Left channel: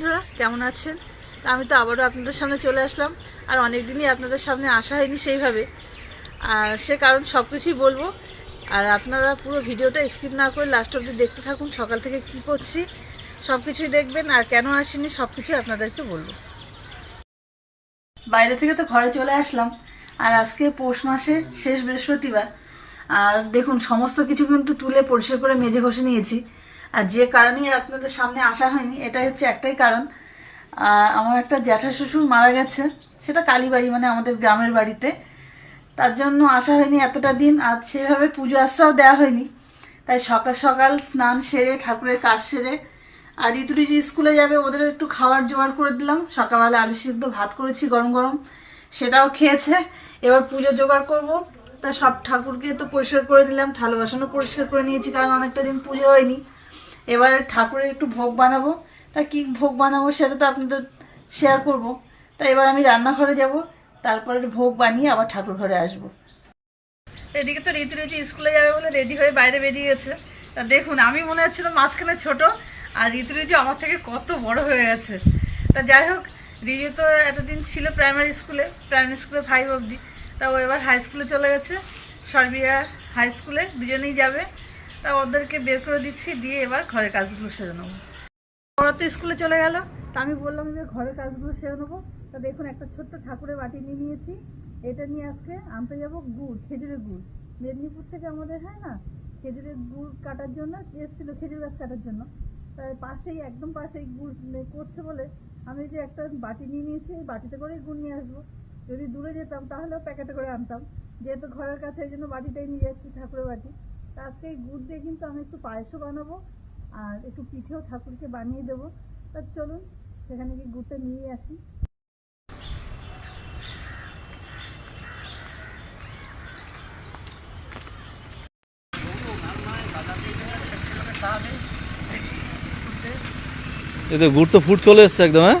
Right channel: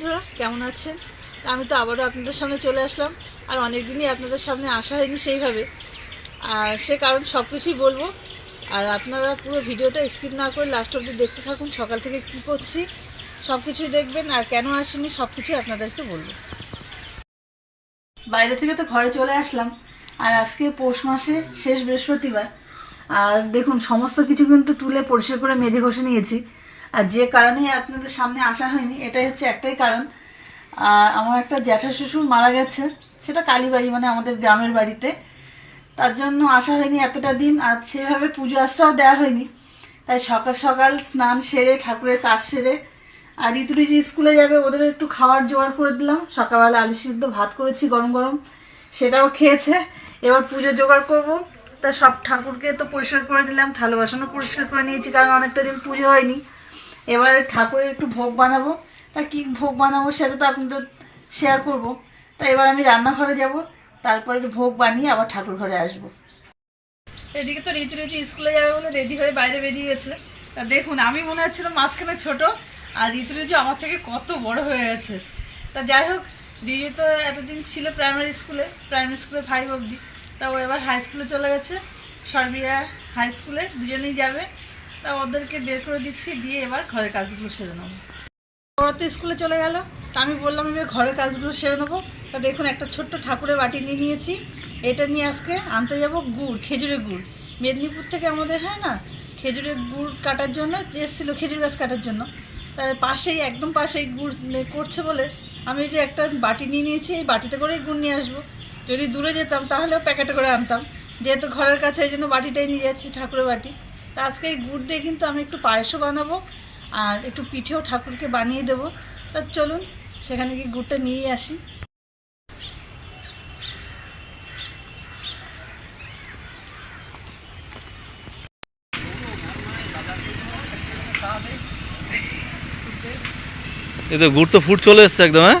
বন্ধুরা, কেমন আছেন? আমি তো আবারও আপনাদের সামনে চলে আসলাম, আর অনেক দিনই আপনাদের সামনে আসা হয়নি সেইভাবে। আর সে কারণ সব কিছুই বলব। আর আপনারা পুরো ভিডিওটা স্কিপ না করে লাস্ট অবধি দেখতে থাকুন, সকাল থেকে কি করছি সব কিছুই দেখবেন, আর কেন আসেনি সব কিছুই আপনাদেরকে বলব। বাইরে থেকে তো ঘরে চলে আসলাম, আর আজকে পৌষ মাসে শেষ বৃহস্পতিবার। আর দেখুন, সমস্ত কিছু কিন্তু তুলে পরিষ্কার করে মেজে ঘষে নিয়েছি। আর যে কারণে আপনাদের সামনে আসা হয়নি, এটাই হচ্ছে একটাই কারণ। আমার একটা জ্যাঠা শ্বশুর মারা গেছে, সেটা কালীবাড়ি মানে আমাদের গ্রামের বাড়িতে। তার জন্য আসা হয়নি এতটা দিন, আর সেভাবে পুজো আশ্রাও দেওয়া হয়নি। তাই সকাল সকাল স্নান সেরে, ঠাকুরের কাজ সেরে, আর ঋতুরি যে স্কুলে যাবে, ওদের একটু খাবার জোগাড় করে দিলাম। সকালবেলা আলু সিদ্ধ ভাত করেছি গরম গরম, সেটাও খেয়েছে। এবার পুজো জোগাড় করব। তা সব ঠাকুরকে তো পরিষ্কার করে দিলাম, থালা বাসনও পরিষ্কার করে নিয়েছি, কারণ অনেকটা দিন পুজো হয়নি। এবারে ঠাকুরের একটু ভোগ বানাবো। তা কি ভোগ বানাবো সেটা তো আপনাদের শেয়ার করব। তা এবার আমি রান্নাঘরে যাব, তারপরে ভোগ বানিয়ে আবার ঠাকুর ঘরে আসব। এদিকে তো রীতি রীতি স্কুলে যাবে বলে রেডি হয়ে বাইরে বেরিয়েছে। তা দেখুন, আমি মনে হচ্ছিল মাঝখানে ছোট, আর ঋতু ঋতু আমার থেকে কত বড় হয়ে গেছে। তা যাই হোক রিজু তো এতদিন ছিল প্রাইমারি স্কুলে প্রাইমারি স্কুলে ফাইভ অবধি। তা ও এবার হাই স্কুলে চলে গেছে। সর্বিয়া হাই স্কুলে দুজনেই যাবে। তা ওদেরকে বের করে দিচ্ছি, দিয়ে এবার ঘরের কাজগুলো সেরে নেব। ওরা তো স্কুলে চলে গেল, তা আমি বললাম আমি ঘরের কাজগুলো সেরে নেব। তা দেখুন, একটা ছোট্ট ঠাকুরের বাটি নিয়ে নিয়েছি। এটা নিয়ে আজকে আনতে যাব গুড়, খেজুরের গুড়। মেদিনীপুর থেকে আমাদের, হয় না, খেজুরের গুড় কাটার জন্য, এসেছিল খেজুর গাছ কাটার জন্য। পাশেই, একদম পাশেই গুড় করছে বলে আমি যে একটা বাটি নিয়ে নিয়েছি, এই বাটিতে করেই গুড় নিয়ে আসব। যদি দূরে যেতাম, তাহলেও প্যাকেটে করে আনতাম। যেহেতু ঘরের কাছে, এই জন্য বাটিটাই নিয়ে যাচ্ছি, ঠাকুরের বাটি। আজকে এই গুড় দিয়ে কিন্তু আমি একটু পায়েসও বানাবো আর একটু পিঠেও ঠাকুরকে বানিয়ে দেবো। তা চলুন, সেখানে গিয়ে গুড়টা নিয়ে আসি। এ তো গুড় তো ফুট চলে এসছে একদম হ্যাঁ?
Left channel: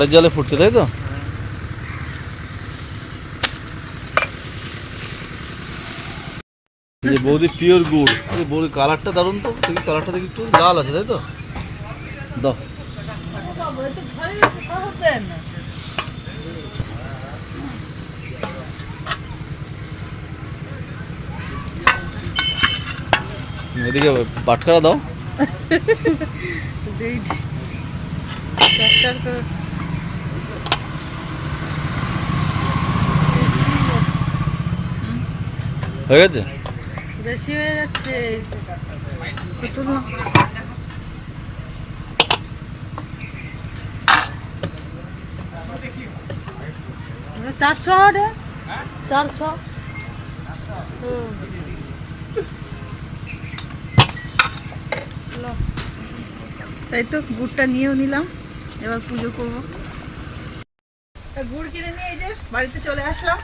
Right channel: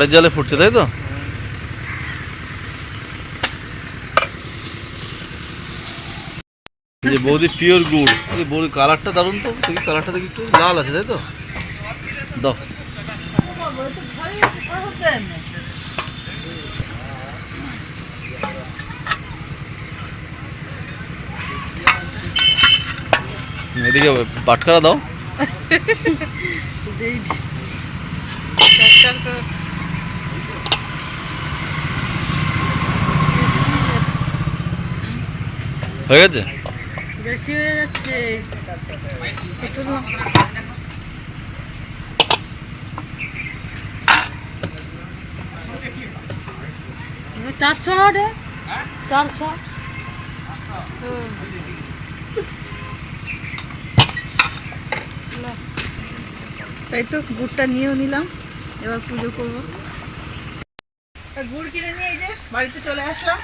খড়ের জলে ফুটছে, তাই তো? যে বৌদি পিওর গুড় বৌদি কালারটা দারুণ তো, দেখি কালারটা দেখি একটু লাল আছে, তাই তো? দাও। এদিকে বাটখারা দাও দেই। চটচট করে। হয়ে গেছে? বেশি হয়ে যাচ্ছে। তাই তো গুড়টা নিয়েও নিলাম, এবার পুজো করব। গুড় কিনে নিয়ে এই যে বাড়িতে চলে আসলাম।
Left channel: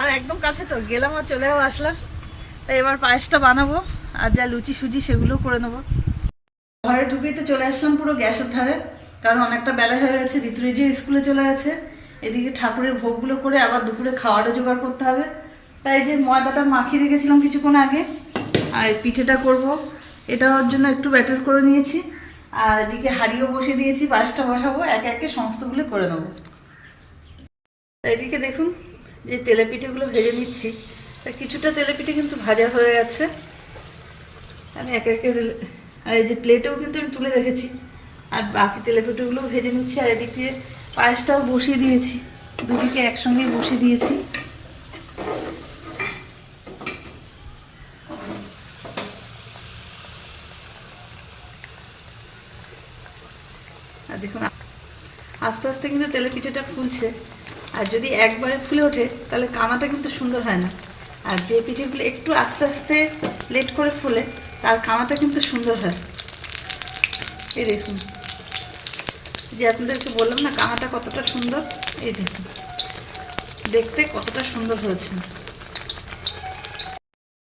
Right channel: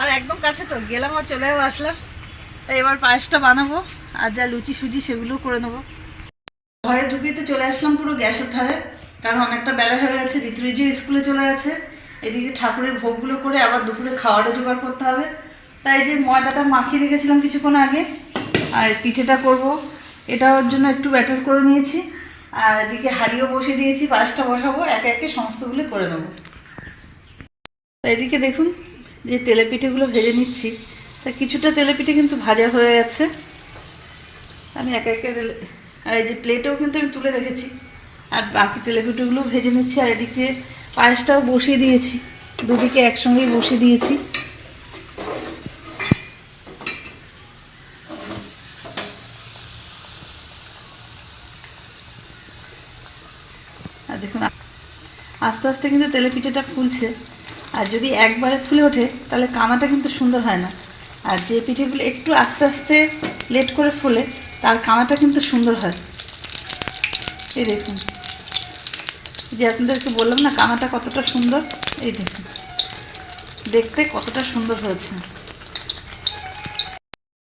আর একদম কাছে তো, গেলাম আর চলেও আসলাম। তাই এবার পায়েসটা বানাবো, আর যা লুচি সুজি সেগুলো করে নেব। ঘরে ঢুকেই তো চলে আসলাম পুরো গ্যাসের ধারে, কারণ অনেকটা বেলা হয়ে গেছে, ঋতুরিজিও স্কুলে চলে গেছে। এদিকে ঠাকুরের ভোগগুলো করে আবার দুপুরে খাওয়ারও জোগাড় করতে হবে। তাই যে ময়দাটা মাখিয়ে রেখেছিলাম কিছুক্ষণ আগে, আর পিঠেটা করব। এটা ওর জন্য একটু ব্যাটার করে নিয়েছি, আর এদিকে হাঁড়িও বসিয়ে দিয়েছি, পায়েসটা বসাবো, একে একে সমস্তগুলো করে নেব। এদিকে দেখুন যে তেলে পিঠেগুলো ভেজে নিচ্ছি, তা কিছুটা তেলে পিঠে কিন্তু ভাজা হয়ে গেছে। আমি একে একে আর এই যে প্লেটেও কিন্তু আমি তুলে রেখেছি, আর বাকি তেলে পিঠেগুলো ভেজে নিচ্ছি, আর এদিকে পায়েসটাও বসিয়ে দিয়েছি। দুদিকে একসঙ্গেই বসিয়ে দিয়েছি। আর দেখুন আস্তে আস্তে কিন্তু তেলে পিঠেটা ফুলছে। আর যদি একবারে ফুলে ওঠে, তাহলে কানাটা কিন্তু সুন্দর হয় না। আর যে পিঠেগুলো একটু আস্তে আস্তে লেট করে ফুলে, তার কানাটা কিন্তু সুন্দর হয়। এই দেখুন। যে আপনাদেরকে বললাম না, কানাটা কতটা সুন্দর? এই দেখুন। দেখতে কতটা সুন্দর হয়েছে।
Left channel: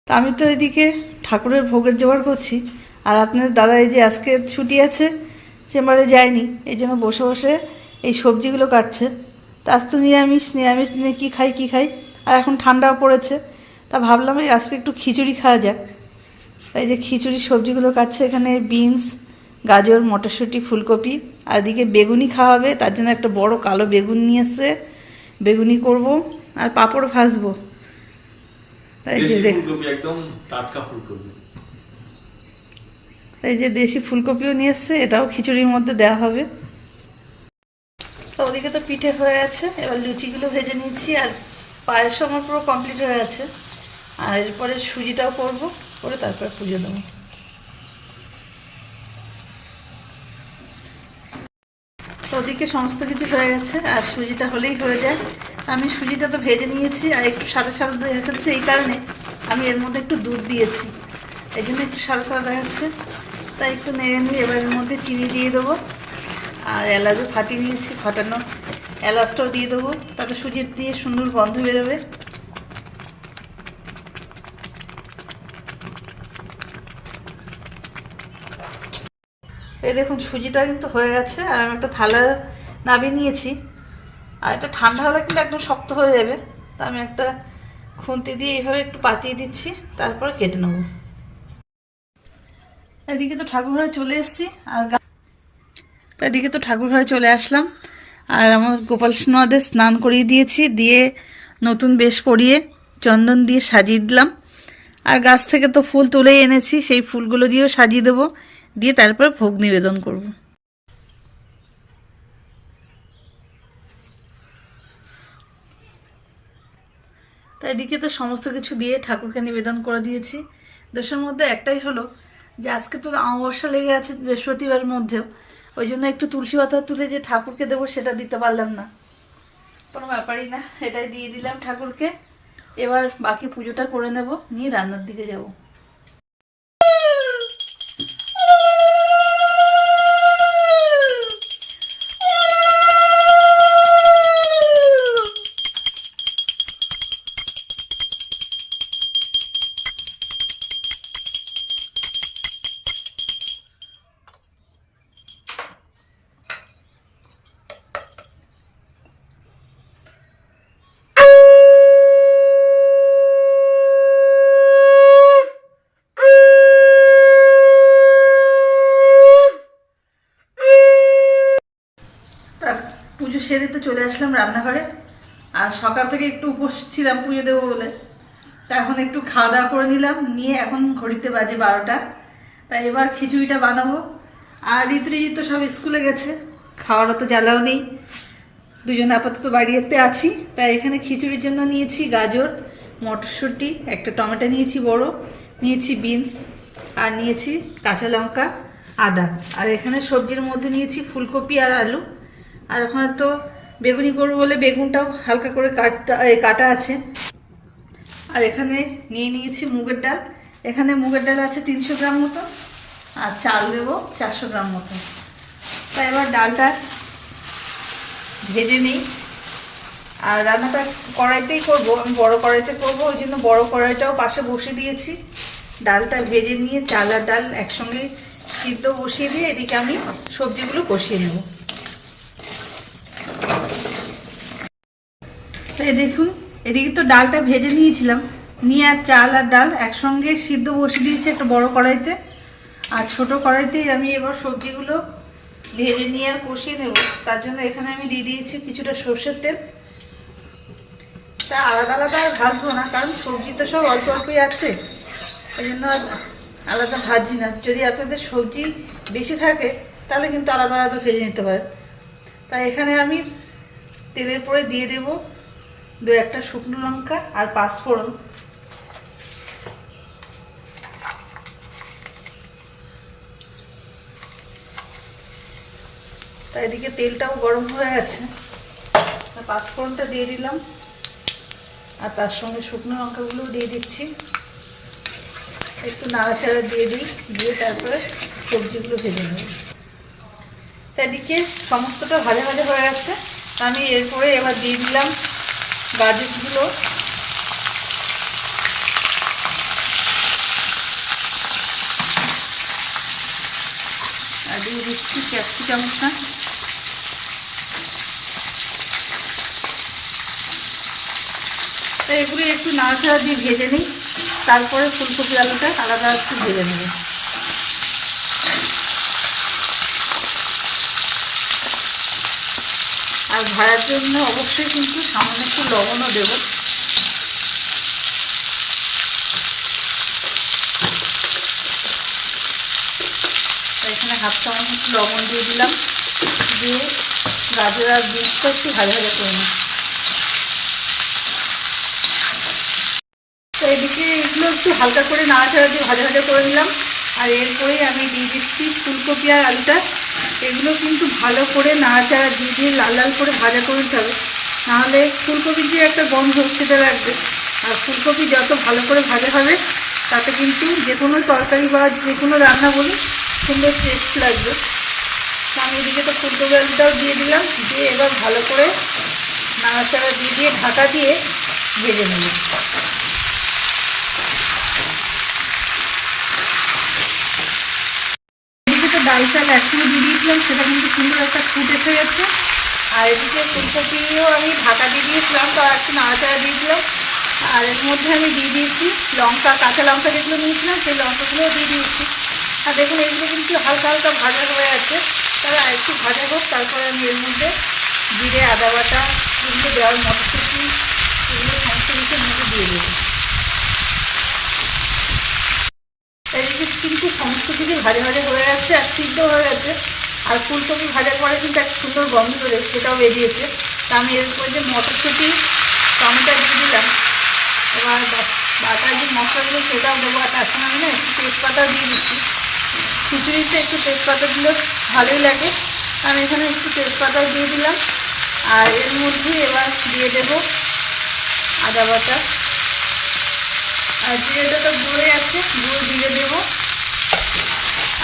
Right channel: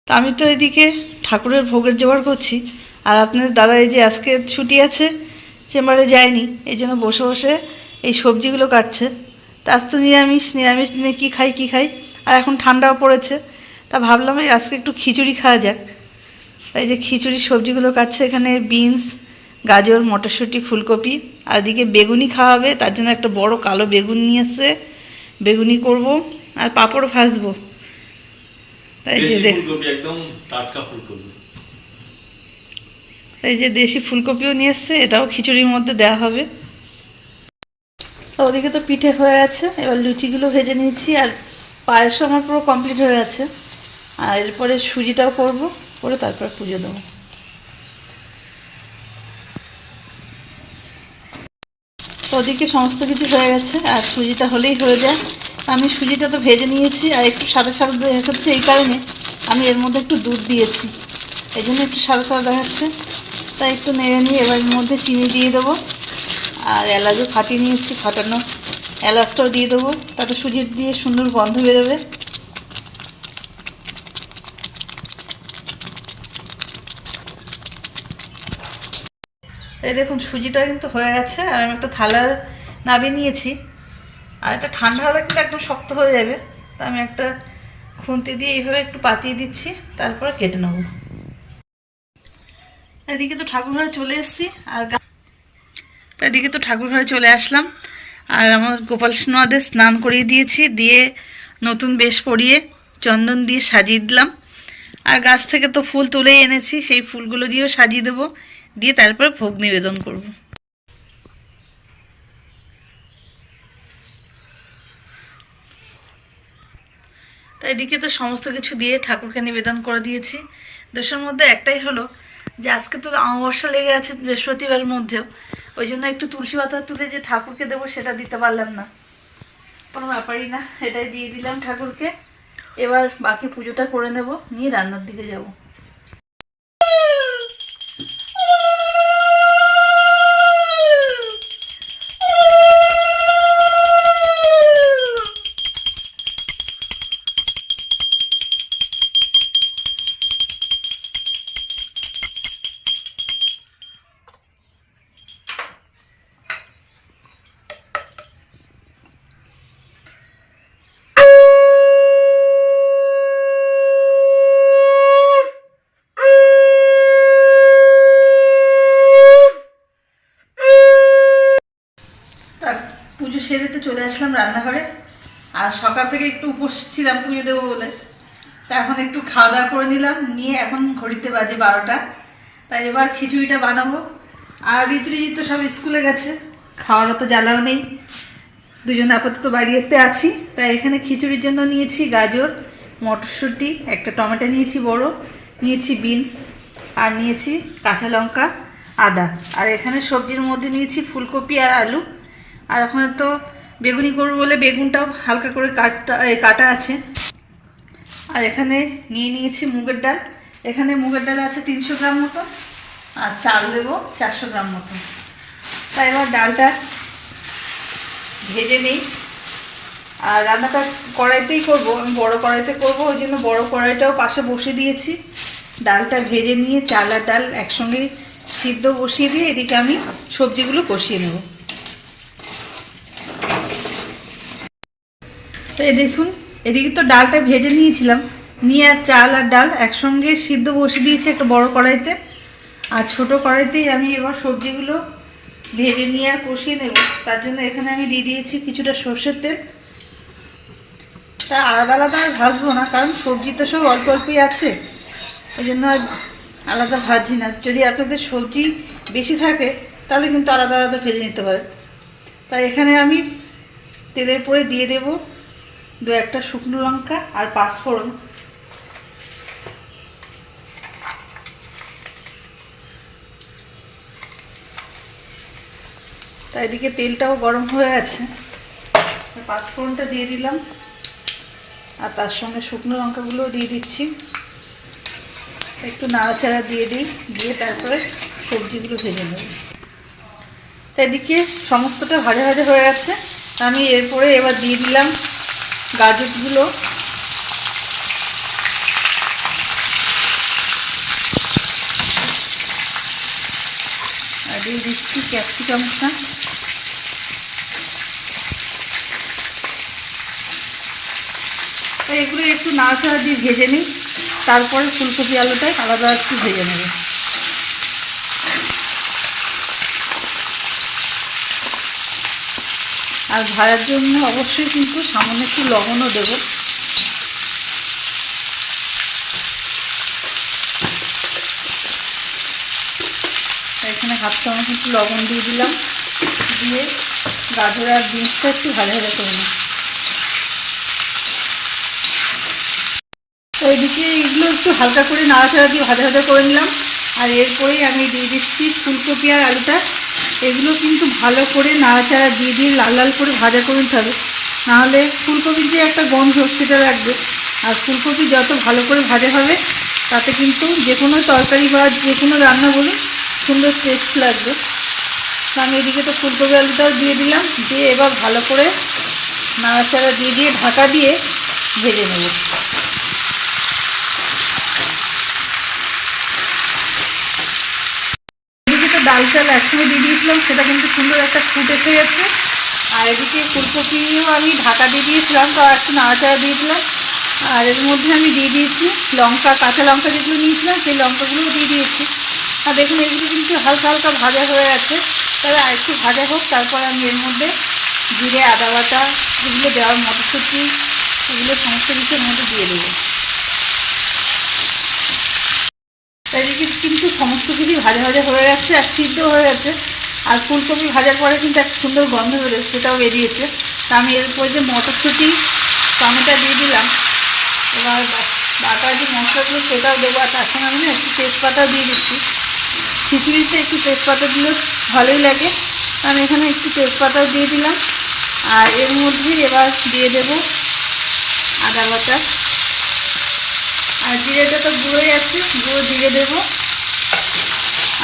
তা আমি তো এদিকে ঠাকুরের ভোগের জোগাড় করছি। আর আপনাদের দাদা এই যে আজকে ছুটি আছে, চেম্বারে যায়নি, এই জন্য বসে বসে এই সবজিগুলো কাটছে। তা আজ তো নিরামিষ নিরামিষ দিনে কী খাই কী খাই? আর এখন ঠান্ডাও পড়েছে। তা ভাবলাম এই আজকে একটু খিচুড়ি খাওয়া যাক। তাই যে খিচুড়ি সবজিগুলো কাটছে এখানে বিনস গাজর মটরশুঁটি ফুলকপি। আর এদিকে বেগুনি খাওয়া হবে তার জন্য একটা বড় কালো বেগুন নিয়ে এসছে। বেগুনি করব আর পাঁপড় ভাজবো। তাই যে একদম টাটকা ফুলকপি। এই যে দেশি ফুলকপিও নিয়ে এসছে এটাও খিচুড়ির মধ্যে দেওয়া হবে। ওদিকে তো পিঠে হয়ে আছে, এবার লুচিগুলো ভেজে নিয়েছি আর পায়েসও আমার পুরো কমপ্লিট হয়ে আছে। আর এরপরে সুজিটাও করব, করে তারপর পুজো দেবো। ওদিকে সমস্ত কিছু হয়ে গেছে, আর সুজিটা হলেই হয়ে যায়। আমি সুজিটা তো ভেজে নিয়েছি, আর একটু সাদা সাদা দেখাচ্ছে এই কারণে আমি এর মধ্যে একটু দুধ দিয়েছি। এই একটু সাদা সাদা দেখাচ্ছে। তাই একটু নেড়ে নিয়ে এবার মধ্যে চিনি দিয়ে দেবো। আর এলাচও ফাটিয়ে নিয়েছি, ফাটানো এলাচটাও দিয়ে দেবো। তাতে সুজি দিয়ে সুন্দর গন্ধ বেরোবে। এই দেখুন, সুজিটা কিন্তু হয়ে গেছে, আর আমি একটা থালা নাবিয়ে নিয়েছি। আর এটা ঠান্ডা হলে কিন্তু একদম শক্ত হয়ে যাবে। তা আমি একটা খুন্তি দিয়ে এইভাবে একটু পাতিয়ে দিচ্ছি, তারপর কেটে নেব। এদিকে তো ঠাকুর ঘরে চলে এসেছি, আর এদিকে তো ঠাকুর ঘরে চলে আসলাম। আর আমার গোপাল সোনাদের স্নান করিয়ে দিয়েছি, দিয়ে নতুন বেশ পরিয়ে চন্দন দিয়ে সাজিয়ে দিলাম। আর গাছ থেকে তো ফুল তুলেই এনেছি, সেই ফুলগুলো দিয়েও সাজিয়ে দেবো। দিয়ে তারপর ভোগ নিবেদন করব। তো এদিকে তো সমস্ত কিছু দিয়ে ঠাকুরকে নিবেদন করে দিয়েছি। দেশের মধ্যে একটাই হলো যে, আজকে তো অমাবস্যা লেগে আছে বৃহস্পতিবার মধ্যেও। ওই জন্য একটু তুলসী পাতা তুলে যে ঠাকুরকে দেবো সেটা দিতে পারলাম না। কোনো ব্যাপারই না, এটাই দিয়ে দিলাম ঠাকুরকে। এবার বাকি পুজোটা করে নেব, নিয়ে রান্নার দিকে যাব। পুজো সেরে তো চলে আসলাম রান্নাঘরে। আর সকাল থেকে একটু উপোস ছিলাম পুজো দেবো বলে। তা এখন একটু খাওয়া দাওয়া করে নিলাম, নিয়ে এখন ঘড়িতে বাজে বারোটা। তাই এবার খিচুড়িটা বানাবো। আর ঋতুরিজিৎ তো সব স্কুলে গেছে, খাওয়ারও তো জ্বালাও নেই। দুজনে আপাতত বাড়িতে আছি। তাই এখানে খিচুড়ির জন্য নিয়েছি গাজর, মটরশুঁটি, একটা টমেটো নিয়েছি বড়, নিয়েছি বিনস, আর নিয়েছি কাঁচা লঙ্কা, আদা। আর এখানে সবজির মধ্যে নিয়েছি ফুলকপি আর আলু। আর এখন তো বেগুনি করব বলে বেগুনটাও হালকা করে কাটা কাটা আছে। আর এখানে নিয়ে নিয়েছি মুগের ডাল। এখানে মুগের ডাল আছে তিনশো গ্রাম মতো, আর চাল দেবো চারশো গ্রাম মতো। তাই এবার ডালটা ভেজে নিই। আর রান্নাটা কড়াইতেই করব, আমি বড় কড়াইতে করব, ওই জন্য বড় কড়াইটাও পাশে বসে দিয়েছি। ডালটা ভেজে নিয়ে চাল আর ডাল একসঙ্গে সিদ্ধ বসিয়ে দিয়ে এদিকে আমি সবজিগুলো কষিয়ে নেব। তো এই দেখুন, এদিকে তো ডালটা ভেজে নিয়েছিলাম। নিয়ে আর চাল আর ডাল একসঙ্গে সিদ্ধ বসিয়ে দিয়েছি একটা বড় কড়াইতে। আর ছোট কড়াইতেই আমি এবার সবজিগুলো ভেজে নিয়ে আর কষিয়ে নেব। তার জন্য এখানে আমি দিয়ে দিয়েছি কিছুটা সর্ষের তেল। তা আলাদা আলাদা আর ভাজবো না, কারণ সবজি তো সব অল্প অল্পই আছে। ওই জন্য আলাদা ভাজি না। যদি আপনাদের সবজি বেশি থাকে, তাহলে কিন্তু আলাদা আলাদা ভেজে নিতে পারেন। তাই এখানে আমি তেলের পরে দিয়ে দেব দু একটা শুকনো লঙ্কা আর পাঁচফোড়ন তা এদিকে তেলটাও গরম হয়ে গেছে। পাঁচফোড়নটা দিয়ে দিলাম। আর তার সঙ্গে শুকনো লঙ্কাগুলো দিয়ে দিচ্ছি। একটু নাড়াচাড়া দিয়ে দিই, দিয়ে তারপরে সবজিগুলো ভেজে নেব। তা এদিকে সমস্তটা ভাজা ভাজা হয়ে গেছে। আমি এরপরে এবার দিয়ে দিলাম গাজরগুলো। দিয়ে দিচ্ছি ক্যাপসিকাম ক্যাপসিকামটা এগুলি একটু নাড়াচাড়া দিয়ে ভেজে নিই, তারপরে ফুলকপি আলুটা আলাদা একটু ভেজে নেব। আর ভাড়ার জন্য অবশ্যই কিন্তু সামান্য একটু লবণও দেবো। এখানে হাফ চামচ একটু লবণ দিয়ে দিলাম। দিয়ে গাজর আর বিনসটা একটু ভাজা ভাজা করে নিই। তো এদিকে এগুলো একটু হালকা করে নাড়াচাড়া দিয়ে ভাজা ভাজা করে নিলাম। আর এরপরেই আমি দিয়ে দিচ্ছি ফুলকপি আর আলুটা। এগুলো কিন্তু ভালো করে নাড়াচাড়া দিয়ে দিয়ে লাল লাল করে ভাজা করে নিতে হবে। নাহলে ফুলকপির যে একটা গন্ধ, সেটা লাগবে। আর ফুলকপি যত ভালো করে ভাজা হবে, তাতে কিন্তু যে কোনো তরকারি বা যে কোনো রান্না বলি সুন্দর টেস্ট লাগবে। তো আমি এদিকে তো ফুলকপি আলুটাও দিয়ে দিলাম। দিয়ে এবার ভালো করে নাড়াচাড়া দিয়ে দিয়ে ঢাকা দিয়ে ভেজে নেব এদিকে তো ডাল দিয়ে দিয়েছিলাম, সেটা কিন্তু সুন্দর একটা ফুট এসে গেছে। আর এদিকে ফুলকপিও আমি ঢাকা দিয়ে দিয়েছিলাম, তো আর একটু নাড়াচাড়া দিয়েছিলাম আর এর মধ্যে আমি দিয়ে দিয়েছি লঙ্কা, কাঁচা লঙ্কা যেগুলো নিয়েছিলাম, সেই লঙ্কাগুলোও দিয়ে দিয়েছি। আর দেখুন, এগুলো কিন্তু হালকা হালকা ভাজা হয়ে আছে। তবে আর একটু ভাজা হোক, তারপর আমি এর মধ্যে জিরে, আদা বাটা, এগুলো দেওয়ার মটরশুঁটি, এগুলো সমস্ত কিছু মধ্যে দিয়ে দেবো এদিকে কিন্তু সমস্ত কিছু ভাজা ভাজা হয়ে গেছে আর সিদ্ধ হয়ে গেছে। আর ফুলকপি ভাজার পরে কিন্তু একটা সুন্দর গন্ধ বেরোয়, সেটাও বেরিয়েছে। তা আমি এর উপরে যে মটরশুঁটি, টমেটো দিয়ে দিলাম। এবার বাটার যে মশলাগুলো সেটাও দেবো, আর তার সঙ্গে না একটু তেজপাতাও দিয়ে দিচ্ছি। খিচুড়িতে একটু তেজপাতা দিলে ভালোই লাগে। কারণ এখানে একটু তেজপাতাও দিয়ে দিলাম। আর এর মধ্যেই এবার দিয়ে দেবো আদা বাটা। আর জিরেটা তো গুঁড়োই আছে গুঁড়ো জিরে দেবো।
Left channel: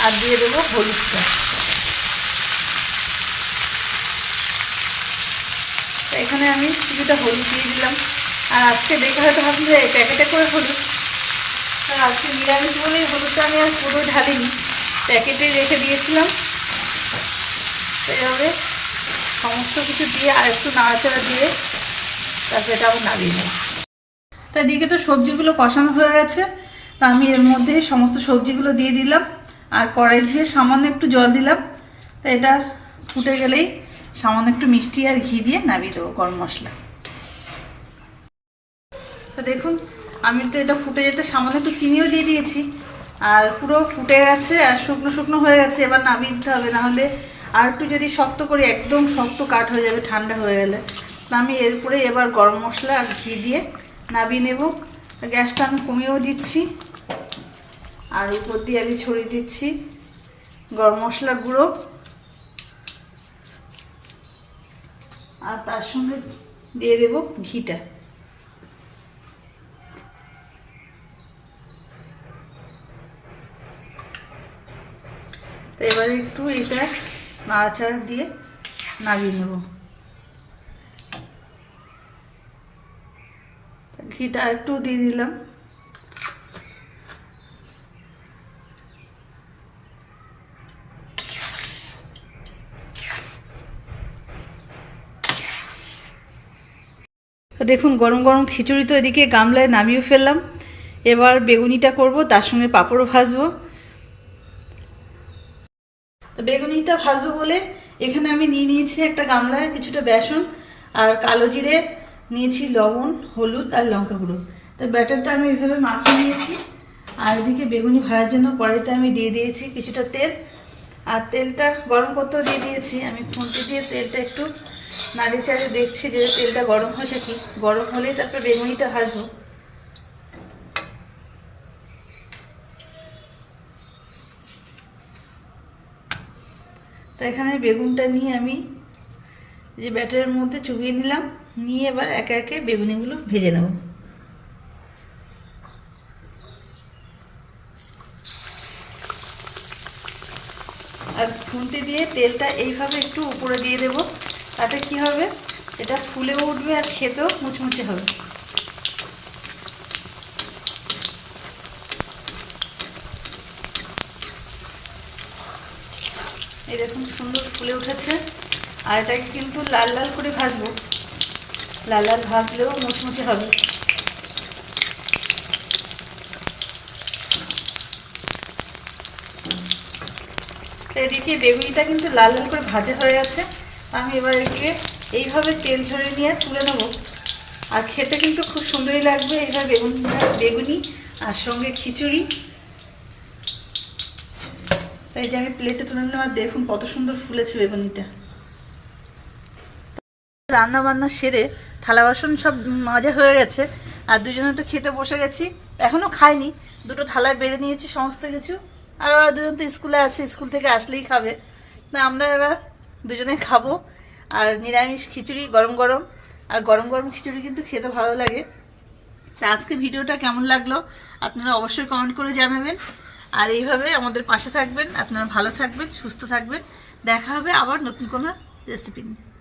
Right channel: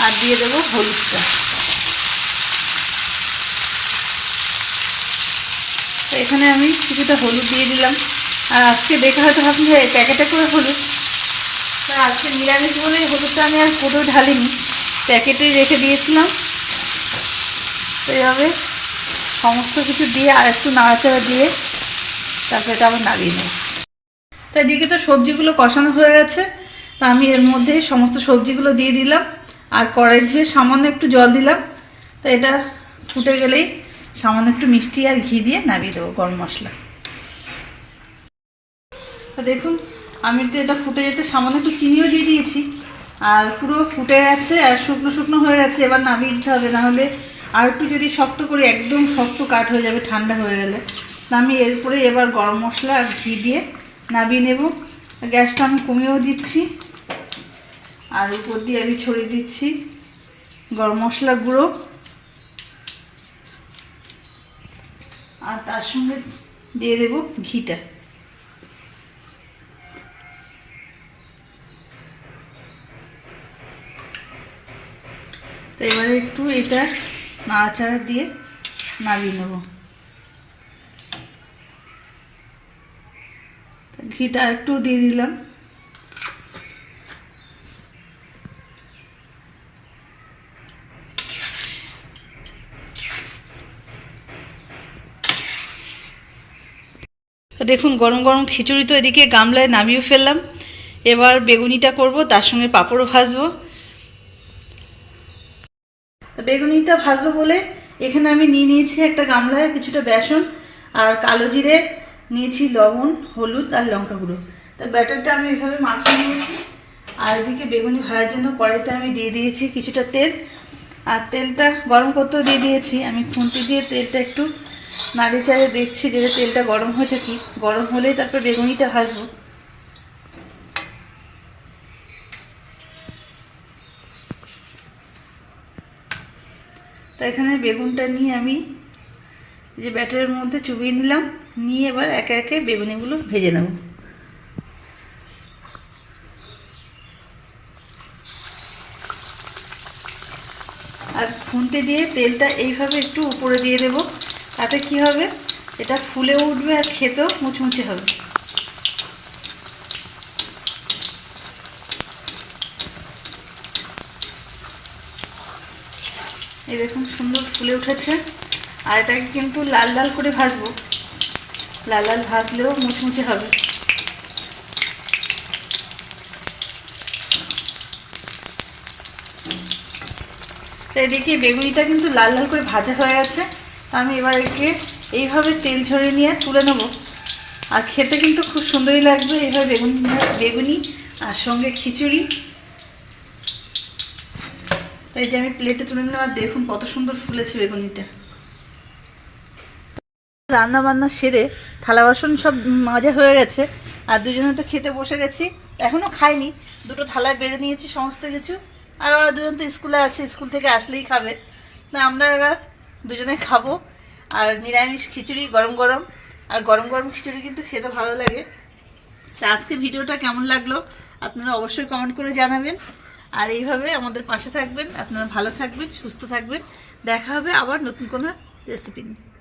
আর দিয়ে দেবো হলুদটা। তো এখানে আমি কিছুটা হলুদ দিয়ে দিলাম। আর আজকে দেখে হয়তো ভাবছি যে প্যাকেটে করে হলুদ। তা আজকে নিরামিষ বলে হলুদটা আমি আর পুরো ঢালিনি। প্যাকেটে রেখে দিয়েছিলাম। এইভাবে সমস্ত কিছু দিয়ে আর একটু নাড়াচাড়া দিয়ে তারপরে এটা আবার নাড়িয়ে নেব। তো এদিকে তো সবজিগুলো কষানো হয়ে গেছে। তা আমি এর মধ্যে সমস্ত সবজিগুলো দিয়ে দিলাম। আর কড়াই ধুয়ে সামান্য একটু জল দিলাম। তো এটা ফুটে গেলেই সামান্য একটু মিষ্টি আর ঘি দিয়ে নামিয়ে দেবো গরম মশলা। তো দেখুন, আমি তো এটা ফুটে যেতে সামান্য একটু চিনিও দিয়ে দিয়েছি। আর পুরো ফুটে গেছে আর শুকনো শুকনো হয়ে গেছে, এবার নামিয়ে দিতে হবে। নাহলে আর একটু যদি শক্ত করে, একদম শক্ত কাঠ হয়ে যাবে, ঠান্ডা হয়ে গেলে। তা আমি এরপরে এবার গরম মশলা আর ঘি দিয়ে নামিয়ে নেব। গ্যাসটা আমি কমিয়েও দিচ্ছি। আর উপর দিয়ে আমি ছড়িয়ে দিচ্ছি গরম মশলা গুঁড়ো। আর তার সঙ্গে দিয়ে দেব ঘিটা। তো এবারে একটু এটা নাড়াচাড়া দিয়ে নামিয়ে নেব। ঘিটা একটু দিয়ে দিলাম। দেখুন, গরম গরম খিচুড়ি তো এদিকে গামলায় নামিয়ে ফেললাম। এবার বেগুনিটা করব, তার সঙ্গে পাঁপড়ও ভাজবো। বেগুনিটা ভাজবো বলে এখানে আমি নিয়ে নিয়েছি একটা গামলায় কিছুটা বেসন আর কালো জিরে নিয়েছি লবণ, হলুদ আর লঙ্কা গুঁড়ো। তো ব্যাটারটা আমি এইভাবে মাখিয়ে নিয়েছি। আর এদিকে বেগুনি ভাজার জন্য কড়াইতে আমি দিয়ে দিয়েছি কিছুটা তেল। আর তেলটা গরম করতেও দিয়ে দিয়েছি। আমি খুন্তি দিয়ে তেলটা একটু নাড়ি চাড়ে দেখছি যে তেলটা গরম হয়েছে কি। গরম হলেই তারপর বেগুনিটা ভাজবো। তো এখানে বেগুনটা নিয়ে আমি যে ব্যাটারের মধ্যে চুবিয়ে দিলাম নিয়ে এবার একে একে বেগুনিগুলো ভেজে নেব। আর খুন্তি দিয়ে তেলটা এইভাবে একটু উপরে দিয়ে দেব, তাতে কি হবে? এটা ফুলে উঠবে আর খেতেও মুচমুচে হবে। দেখুন সুন্দর ফুলে উঠেছে। আর এটাকে কিন্তু লাল লাল করে ভাজবো। লাল লাল ভাজলেও মুচমুচে হবে। এদিকে বেগুনিটা কিন্তু লাল লাল করে ভাজা হয়ে গেছে। আমি এবার একে এইভাবে তেল ঝরিয়ে নিয়ে তুলে নেব। আর খেতে কিন্তু খুব সুন্দরই লাগবে এইভাবে বেগুন বেগুনি আর সঙ্গে খিচুড়ি। এই যে আমি প্লেটে তুলে নিলাম আর দেখুন কত সুন্দর ফুলেছে বেগুনিটা। রান্না বান্না সেরে থালা বাসন সব মাজা হয়ে গেছে। আর দুজনে তো খেতে বসে গেছি। এখনও খাইনি। দুটো থালায় বেড়ে নিয়েছি সমস্ত কিছু। আর ওরা দুজন তো স্কুলে আছে, স্কুল থেকে আসলেই খাবে। না আমরা এবার দুজনে খাব। আর নিরামিষ খিচুড়ি, গরম গরম। আর গরম গরম খিচুড়ি কিন্তু খেতে ভালো লাগে। তা আজকে ভিডিওটা কেমন লাগল? আপনারা অবশ্যই কমেন্ট করে জানাবেন। আর এইভাবে আমাদের পাশে থাকবেন। আপনারা ভালো থাকবেন, সুস্থ থাকবেন। দেখা হবে আবার নতুন কোনো রেসিপি নিয়ে।